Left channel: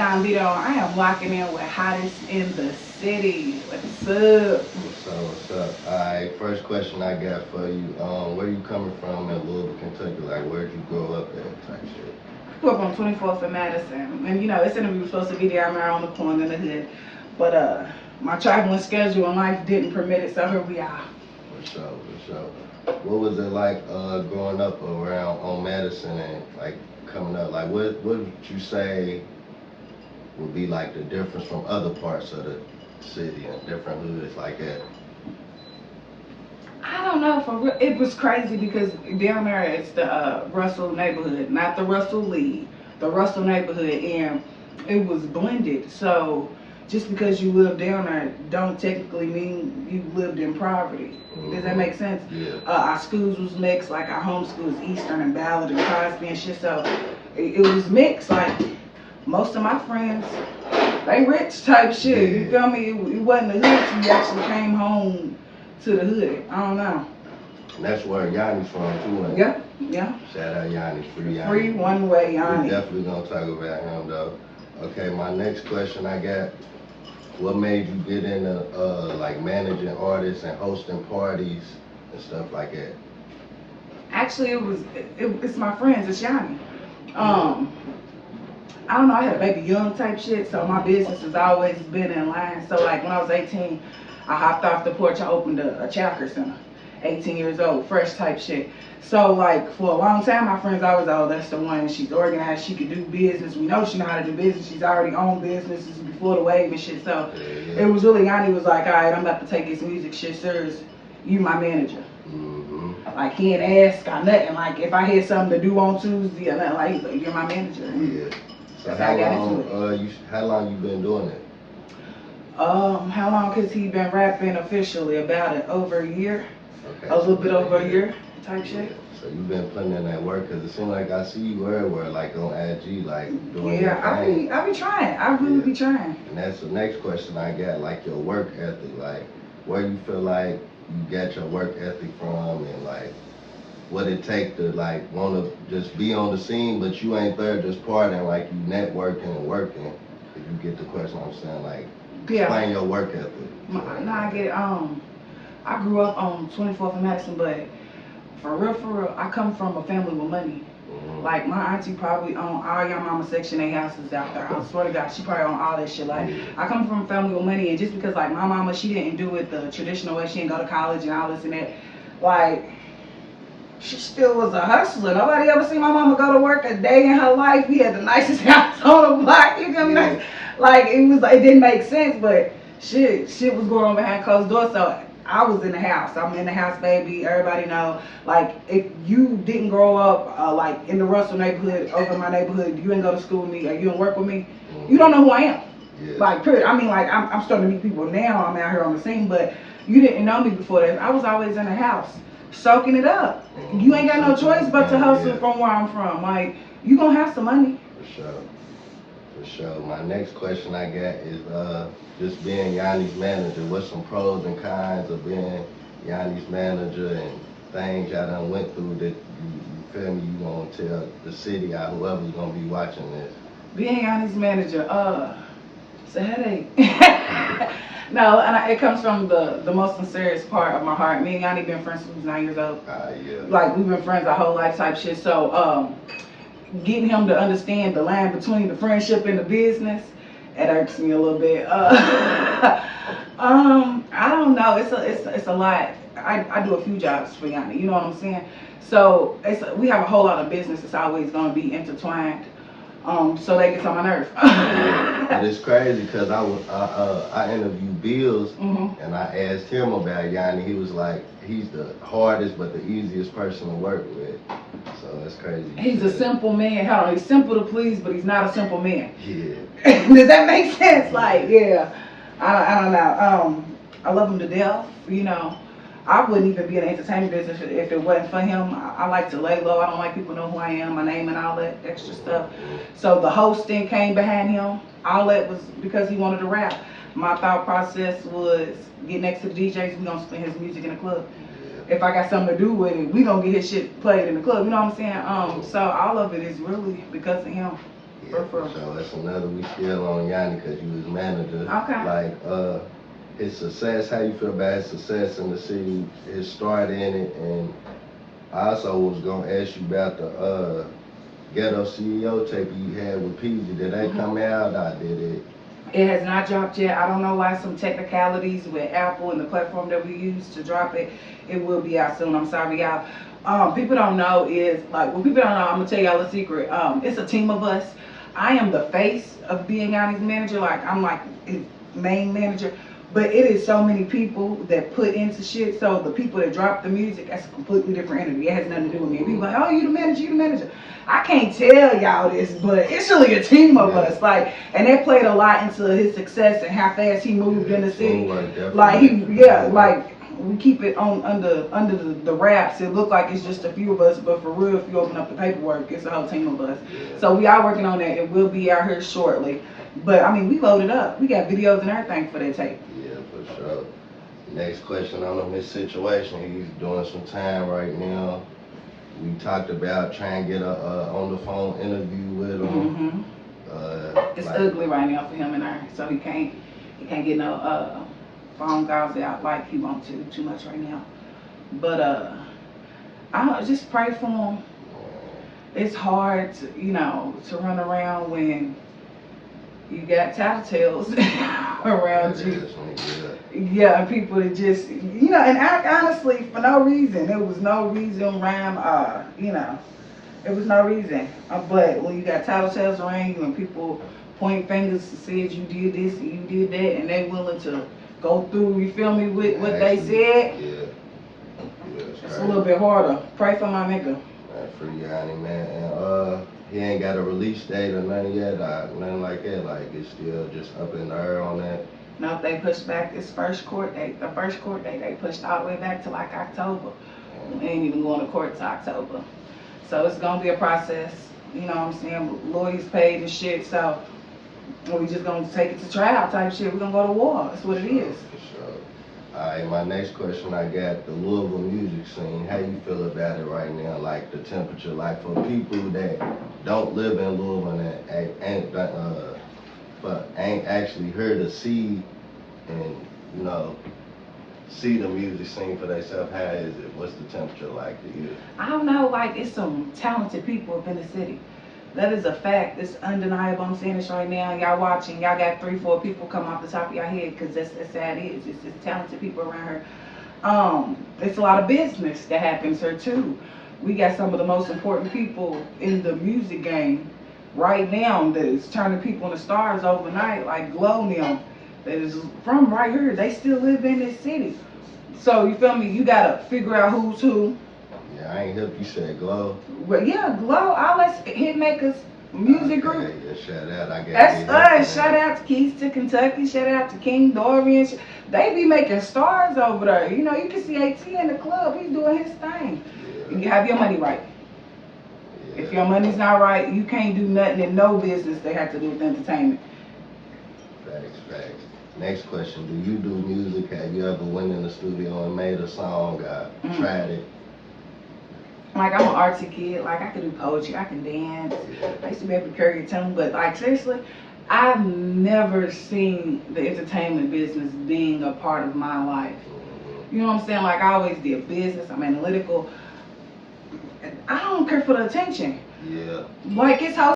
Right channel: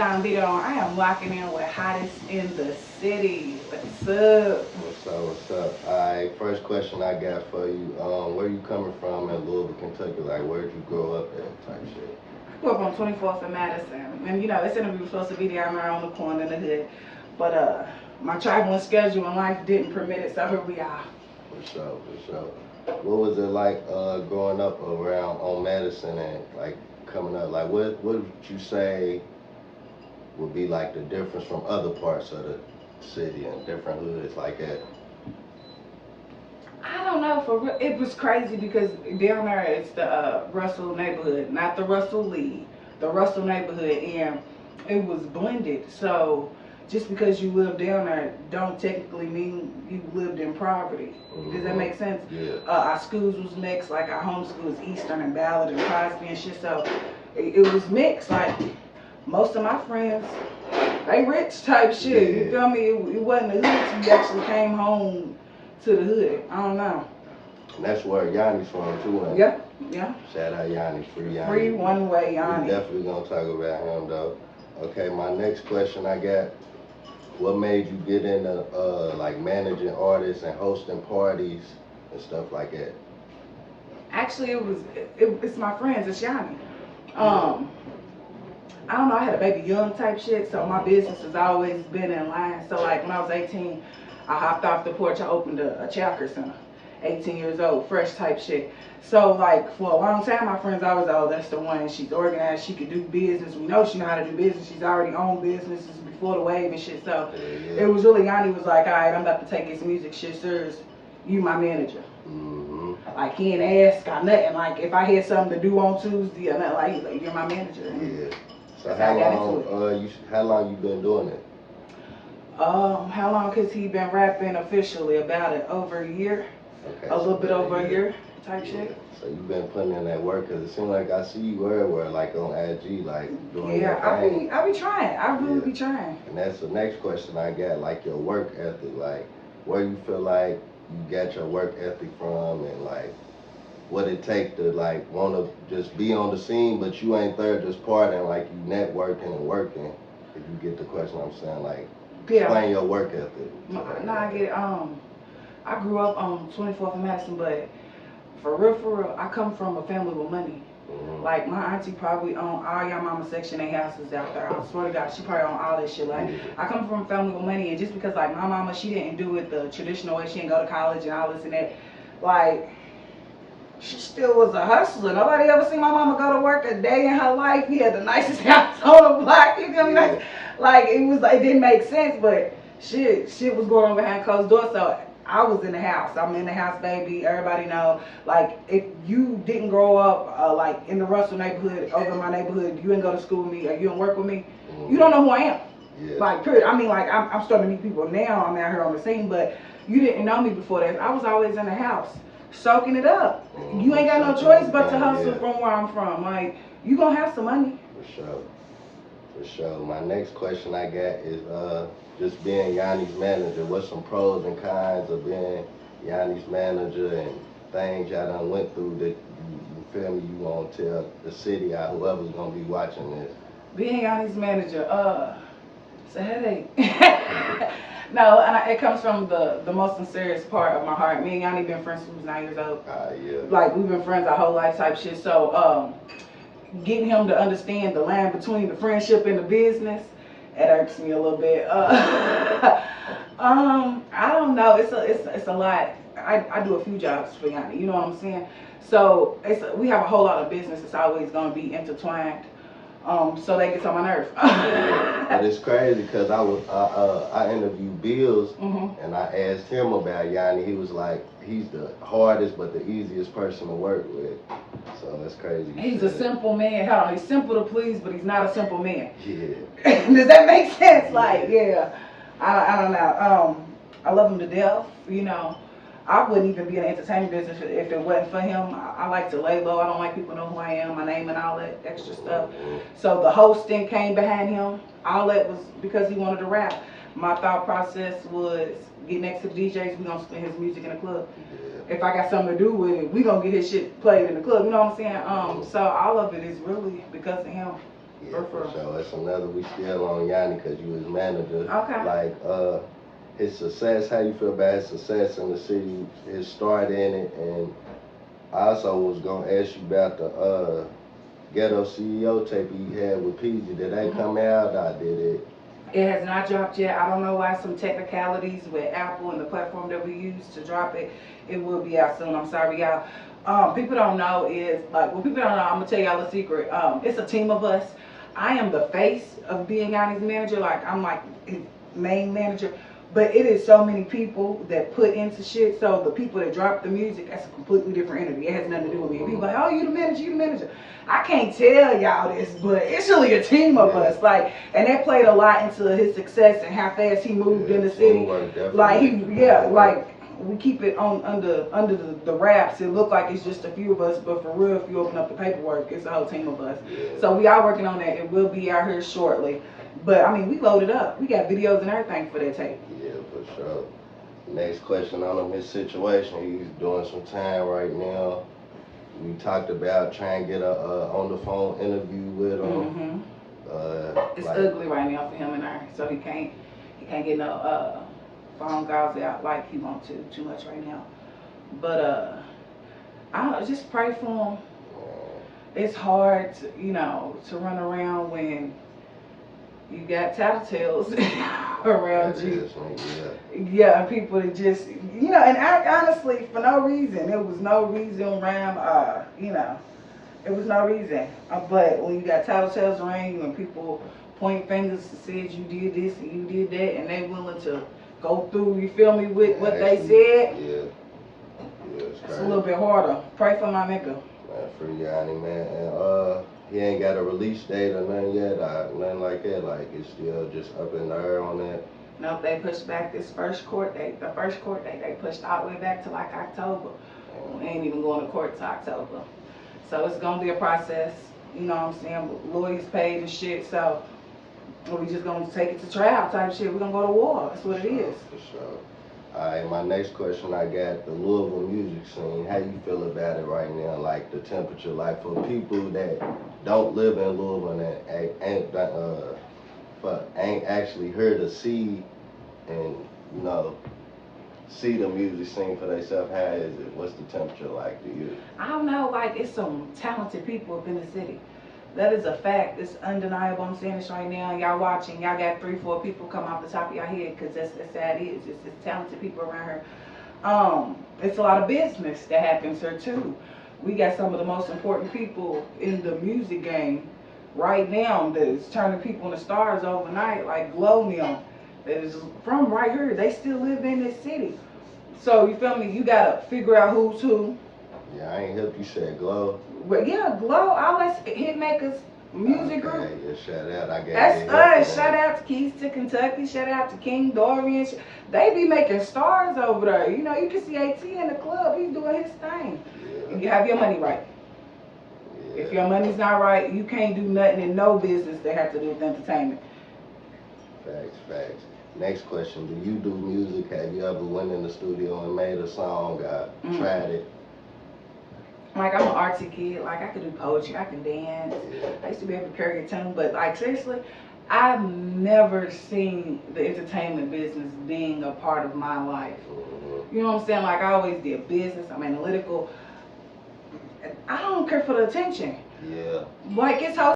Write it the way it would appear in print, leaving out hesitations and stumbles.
Don Vitto. I am locking in with Hottest in the City. What's up? What's up? Alright, first question I got for you. Where you coming from in Louisville, Kentucky? Like, where'd you grow up there type shit? I grew up on 24th and Madison. And you know, this interview was supposed to be down there on the corner in the hood. But my traveling schedule in life didn't permit it, so here we are. For sure. What was it like growing up around on Madison and like coming up? Like, what would you say would be like the difference from other parts of the city and different hoods like that? I don't know, for real, it was crazy because down there it's the Russell neighborhood, not the Russell Lee, the Russell neighborhood, and it was blended. So just because you live down there don't technically mean you lived in poverty. Does that make sense? Yeah. Our schools was mixed, like our home school is Eastern and Ballard and Crosby and shit, so it was mixed. Like most of my friends, they rich type shit, you feel me? It wasn't the hood till you actually came home to the hood. I don't know. And that's where Yonni's from too, man. Yeah. Shout out Yonni, free Yonni. Free Oneway Yonni. We definitely gonna talk about him though. Okay, my next question I got, what made you get into like managing artists and hosting parties and stuff like that? Actually, it's my friends, it's Yonni. I don't know, I had a baby young type shit, so my business has always been in line. So like when I was 18, I hopped off the porch, I opened a childcare center. 18 years old, fresh type shit. So like for a long time, my friends always, oh, that's the one, she's organized, she could do business. We know she know how to do business. She's already owned businesses before the wave and shit. So it was really, Yanni was like, all right, I'm about to take this music shit serious. You my manager. Like he ain't ask or nothing. Like if I had something to do on Tuesday or nothing, like he's like, you're my manager. Yeah. So that's how I got into it. How long you been doing it? How long has he been rapping officially? About it, over a year. Okay, a little bit over a year type shit. So you've been putting in that work, because it seems like I see you everywhere, like on IG, like doing your thing. I be trying. I really be trying. And that's the next question I got, like your work ethic, like where you feel like you get your work ethic from, and like what it take to like want to just be on the scene, but you ain't there just partying, like you networking and working. If you get the question I'm saying, like explain your work ethic. No, I get it. I grew up on 24th and Madison, but for real, I come from a family with money. Like my auntie probably own all y'all mama Section 8 houses out there. I swear to God, she probably own all that shit. Like I come from a family with money, and just because like my mama, she didn't do it the traditional way, she didn't go to college and all this and that. Like she still was a hustler. Nobody ever seen my mama go to work a day in her life. We had the nicest house on the block. You feel me? Like it didn't make sense, but shit was going on behind closed doors. So I was in the house. I'm in the house, baby. Everybody know. Like, if you didn't grow up like in the Russell neighborhood, over in my neighborhood, you didn't go to school with me, or you didn't work with me, you don't know who I am. Like, period. I mean, like, I'm starting to meet people now. I'm out here on the scene, but you didn't know me before that. I was always in the house, soaking it up. You ain't got no choice but to hustle from where I'm from. Like, you gonna have some money. For sure. My next question I got is just being Yanni's manager. What's some pros and cons of being Yanni's manager, and things y'all done went through that you feel me you gonna tell the city or whoever's gonna be watching this? Being Yanni's manager, it's a headache. No, and it comes from the most sincere part of my heart. Me and Yanni been friends since we was 9 years old. Like we've been friends our whole life type shit. So getting him to understand the line between the friendship and the business, it irks me a little bit. I don't know. It's a lot. I do a few jobs for Yanni. You know what I'm saying? So we have a whole lot of business that's always gonna be intertwined. So they get on my nerve. And it's crazy because I interviewed Bills, and I asked him about Yanni. He was like, he's the hardest but the easiest person to work with. So it's crazy. He's a simple man. Hold on, he's simple to please, but he's not a simple man. Yeah. Does that make sense? Like, yeah. I don't know. I love him to death. You know, I wouldn't even be in the entertainment business if it wasn't for him. I like to lay low. I don't like people know who I am, my name, and all that extra stuff. So the hosting came behind him. All that was because he wanted to rap. My thought process was get next to the DJs. We gonna spin his music in the club. If I got something to do with it, we gonna get his shit played in the club. You know what I'm saying? So all of it is really because of him. Yeah, for sure. It's another, we still on Yonni because he was manager. Okay. Like, his success, how you feel about his success in the city, his start in it, and I also was gonna ask you about the Ghetto CEO tape you had with Peasy. Did they come out? I did it. It has not dropped yet. I don't know why, some technicalities with Apple and the platform that we use to drop it. It will be out soon. I'm sorry, y'all. People don't know is, like, what people don't know, I'm gonna tell y'all a secret. It's a team of us. I am the face of being Yonni's manager. Like, I'm like his main manager. But it is so many people that put into shit. So the people that drop the music, that's a completely different entity. It has nothing to do with me. People like, oh, you the manager, you the manager. I can't tell y'all this, but it's really a team of us. Like, and that played a lot into his success and how fast he moved in the city. Like like we keep it on under the wraps. It look like it's just a few of us, but for real, if you open up the paperwork, it's a whole team of us. So we are working on that. It will be out here shortly. But I mean, we loaded up. We got videos and everything for that tape. For sure. Next question on him, his situation. He's doing some time right now. We talked about trying to get a on the phone interview with him. It's ugly right now for him and I, so he can't get no phone calls out like he wants to too much right now. But I just pray for him. It's hard to, to run around when you got tattletales around you. Yeah, and people that just, and honestly, for no reason. There was no reason, rhyme, there was no reason. But when you got tattletales around you and people point fingers to say you did this and you did that, and they willing to go through, you feel me, with what they said, it's a little bit harder. Pray for my nigga. Man, free Yonni, man. And he ain't got a release date or nothing yet, nothing like that. Like, it's still just up in the air on that. Nope, they pushed back this first court date. The first court date, they pushed all the way back to like October. We ain't even going to court till October. So it's gonna be a process, you know what I'm saying? Lawyers paid and shit, so we just gonna take it to trial type shit. We're gonna go to war. That's what it is. For sure. Alright, my next question I got, the Louisville music scene. How you feel about it right now? Like the temperature, like for people that don't live in Louisville and ain't actually heard or see and see the music scene for themselves. How is it? What's the temperature like to you? I don't know, like it's some talented people up in the city. That is a fact. It's undeniable. I'm saying this right now. Y'all watching. Y'all got 3-4 people come off the top of your head because that's how it is. It's just talented people around here. It's a lot of business that happens here too. We got some of the most important people in the music game right now that is turning people into stars overnight, like Glow Neil, that is from right here. They still live in this city. So you feel me? You gotta figure out who's who. Yeah, I ain't help you say Glow. Well, yeah, Glow, all us Hitmakers music group. Yeah, shout out. That's us. Shout out to Keys to Kentucky. Shout out to King Dorian. They be making stars over there. You can see AT in the club. He's doing his thing. Yeah. You have your money right. Yeah. If your money's not right, you can't do nothing in no business that have to do with entertainment. Facts. Next question. Do you do music? Have you ever went in the studio and made a song? Tried it? Like, I'm an artsy kid. Like, I can do poetry, I can dance. I used to be able to carry a tune, but like, seriously, I've never seen the entertainment business being a part of my life. You know what I'm saying? Like, I always did business, I'm analytical. I don't care for the attention. Yeah. Like, it's how